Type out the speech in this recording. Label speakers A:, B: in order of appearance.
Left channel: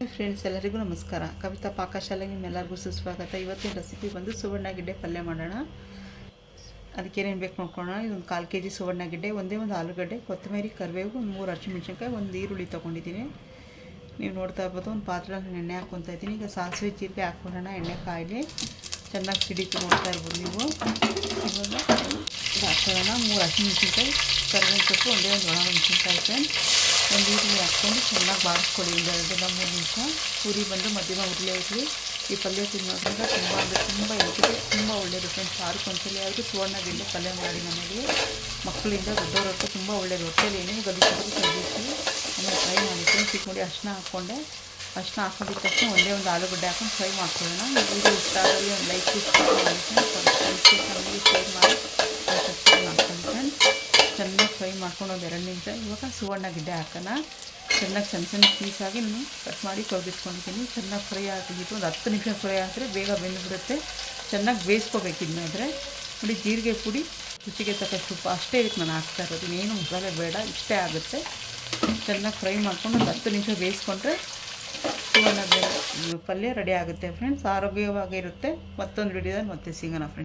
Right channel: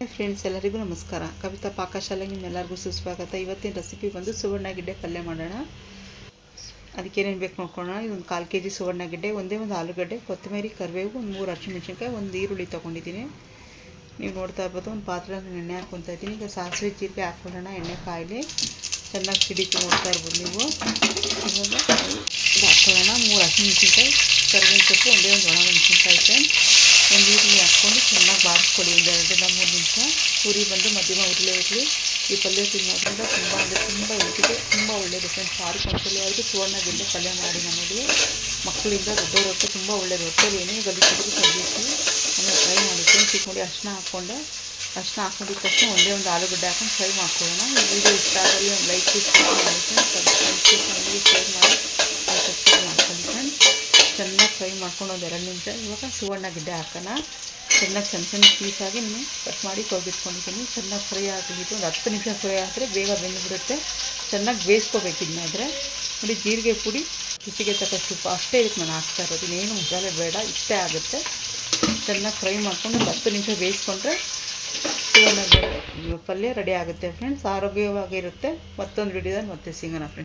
A: Friends ಎಲ್ಲರಿಗೂ ನಮಸ್ಕಾರ. ಕವಿತಾ ಪಾಕಶಾಲೆಗೆ ನಿಮ್ಮೆಲ್ಲರಿಗೂ ಸುಸ್ವಾಗತ. ಇವತ್ತಿನ ರೆಸಿಪಿ ಬಂದು ಸುವರ್ಣಗೆಡ್ಡೆ ಪಲ್ಯ ಮಾಡೋಣ. ಅದಕ್ಕೇನೇನು ಬೇಕು ನೋಡ್ಕೊಳ್ಳೋಣ. ಇದೊಂದು ಕಾಲು ಕೆ ಜಿ ಸುವರ್ಣಗೆಡ್ಡೆ ಒಂದೇ ಒಂದು ಆಲೂಗಡ್ಡೆ, ಕೊತ್ತಂಬರಿ, ಕರಿಬೇವು, ಒಂದು ಮೂರು ಹಸಿಮೆಣ್ಸಿನ್ಕಾಯಿ, ಒಂದು ಈರುಳ್ಳಿ ತೊಗೊಂಡಿದ್ದೀನಿ. ನೀವು ನೋಡ್ತಾ ಇರ್ಬೋದು, ಒಂದು ಪಾತ್ರೆ ಎಣ್ಣೆ ಹಾಕ್ಕೊತಾ ಇದ್ದೀನಿ. ಈಗ ಸಾಸಿವೆ ಜೀರಿಗೆ ಹಾಕ್ಕೊಳ್ಳೋಣ, ಎಣ್ಣೆ ಕಾಯಿಲಿ. ಚೆನ್ನಾಗಿ ಸಿಡಿತು ನೋಡ್ತಾ ಇರ್ಬೋದು ನೀವು. ಹಾಕ್ಕೊಳ್ಳೋಣ. ಮೂರು ಹಸಿಮೆಣ್ಸಿನ್ಕಾಯಿ ಕರಿಬೇವು ಸೊಪ್ಪು, ಒಂದೇ ಒಂದು ಒಣ ಮೆಣಸಿನ್ಕಾಯಿ ಒಂದು ಈರುಳ್ಳಿ ಹಾಕ್ಕೊಂಡು ಚೆನ್ನಾಗಿ ಬಾಡಿಸ್ಕೊಳ್ಳಿ ಒಂದು ಎರಡರಿಂದ ಮೂರು ನಿಮಿಷ. ಉರಿ ಬಂದು ಮಧ್ಯಮ ಉರಿಲೇ ಇರಲಿ. ಈ ಪಲ್ಯ ತಿನ್ನೋದ್ರಿಂದ ತುಂಬ ಅಂದರೆ ತುಂಬ ಹೆಲ್ತಿಗೆ ತುಂಬ ಒಳ್ಳೆಯದು ಫ್ರೆಂಡ್ಸ್ ವಾರಕ್ಕೆ ಒಂದ್ಸಲ ಯಾವುದು ಸುವರ್ಣದಿಂದ ಪಲ್ಯ ಮಾಡಿ ನಮಗೆ. ಮಕ್ಕಳಿಂದ ದೊಡ್ಡವರಕ್ಕೂ ತುಂಬ ಒಳ್ಳೆಯದು ಹೊಟ್ಟೆಲಿ ಏನೇ ಗಲಿಸಿದ್ರು ಸದ್ಯಕ್ಕೆ ಆಮೇಲೆ ಫ್ರೈ ಮಾಡಿ ಫ್ರೆಂಡ್ಸ್ ಈಗ ನೋಡಿ ಹಾಕ್ಕೊಂಡೆ. ಅರ್ಶಿನ ಹಾಕ್ಕೊಂಡಿದ್ದ ತಕ್ಷಣ ಒಂದೇ ಒಂದು ಆಲೂಗಡ್ಡೆ ಹಾಕೊಂಡು ಫ್ರೈ ಮಾಡ್ಕೊಳ್ಳೋಣ. ಈ ವಿಡಿಯೋ ಇಷ್ಟ ಆದಲ್ಲಿ ಒಂದು ಲೈಕ್ ಮಾಡಿ. ಫ್ರೆಂಡ್ಸ್ ಫ್ಯಾಮಿಲಿ ಶೇರ್ ಮಾಡಿ. ಸಬ್ಸ್ಕ್ರೈಬ್ ಮಾಡ್ಕೊಳ್ಳಿ ಫ್ರೆಂಡ್ಸ್ ಚೆನ್ನಾಗಿ ಫ್ರೈ ಮಾಡ್ಕೊಂಡು ಒಂದು ಎರಡು ನಿಮಿಷ. ಇವಾಗ ಸುವರ್ಣ ಗಿಡ್ಡೆ ಹಾಕೋಣ. ಚೆನ್ನಾಗಿ ಸಣ್ಣ ಸಣ್ಣ ಪೀಸಾಗಿ ನಾನು ಕಟ್ ಮಾಡಿ ತೊಳೆದಿಟ್ಕೊಂಡಿದ್ದೀನಿ. ಚೆನ್ನಾಗಿ ಫ್ರೈ ಆಗಿದ್ದು ಒಂದು ಹತ್ತು ನಿಮಿಷ ಫ್ರೈ ಆದರೆ ಬೇಗ ಬೆಂದುಬಿಡುತ್ತೆ. ಚೆನ್ನಾಗಿ ಬೇಯಿಸ್ಕೋಬೇಕು ಇನ್ನಾದರೆ ನೋಡಿ, ಜೀರಿಗೆ ಪುಡಿ, ರುಚಿಗೆ ತಕ್ಕಷ್ಟು ಉಪ್ಪು. ಅಷ್ಟೇ ಇದಕ್ಕೆ ನಾನು ಹಾಕ್ತಾ ಇರೋದು. ಇನ್ನೇನು ಮಸಾಲೆ ಬೇಡ. ಇಷ್ಟೇ ಆಗುತ್ತೆ. ಚೆನ್ನಾಗಿ ಫ್ರೈ ಮಾಡ್ಕೊಂಡು ಒಂದು ಹತ್ತು ನಿಮಿಷ ಬೇಯಿಸ್ಕೊಂಡ್ರೆ ಸುವರ್ಣ ಪಲ್ಯ ರೆಡಿ ಆಗುತ್ತೆ ಫ್ರೆಂಡ್ಸ್ ಆರೋಗ್ಯವಾಗಿರುತ್ತೆ. ಮತ್ತೊಂದು ವಿಡಿಯೋದಲ್ಲಿ ಮತ್ತೆ ಸಿಗೋಣ ಫ್ರೆಂಡ್ಸ್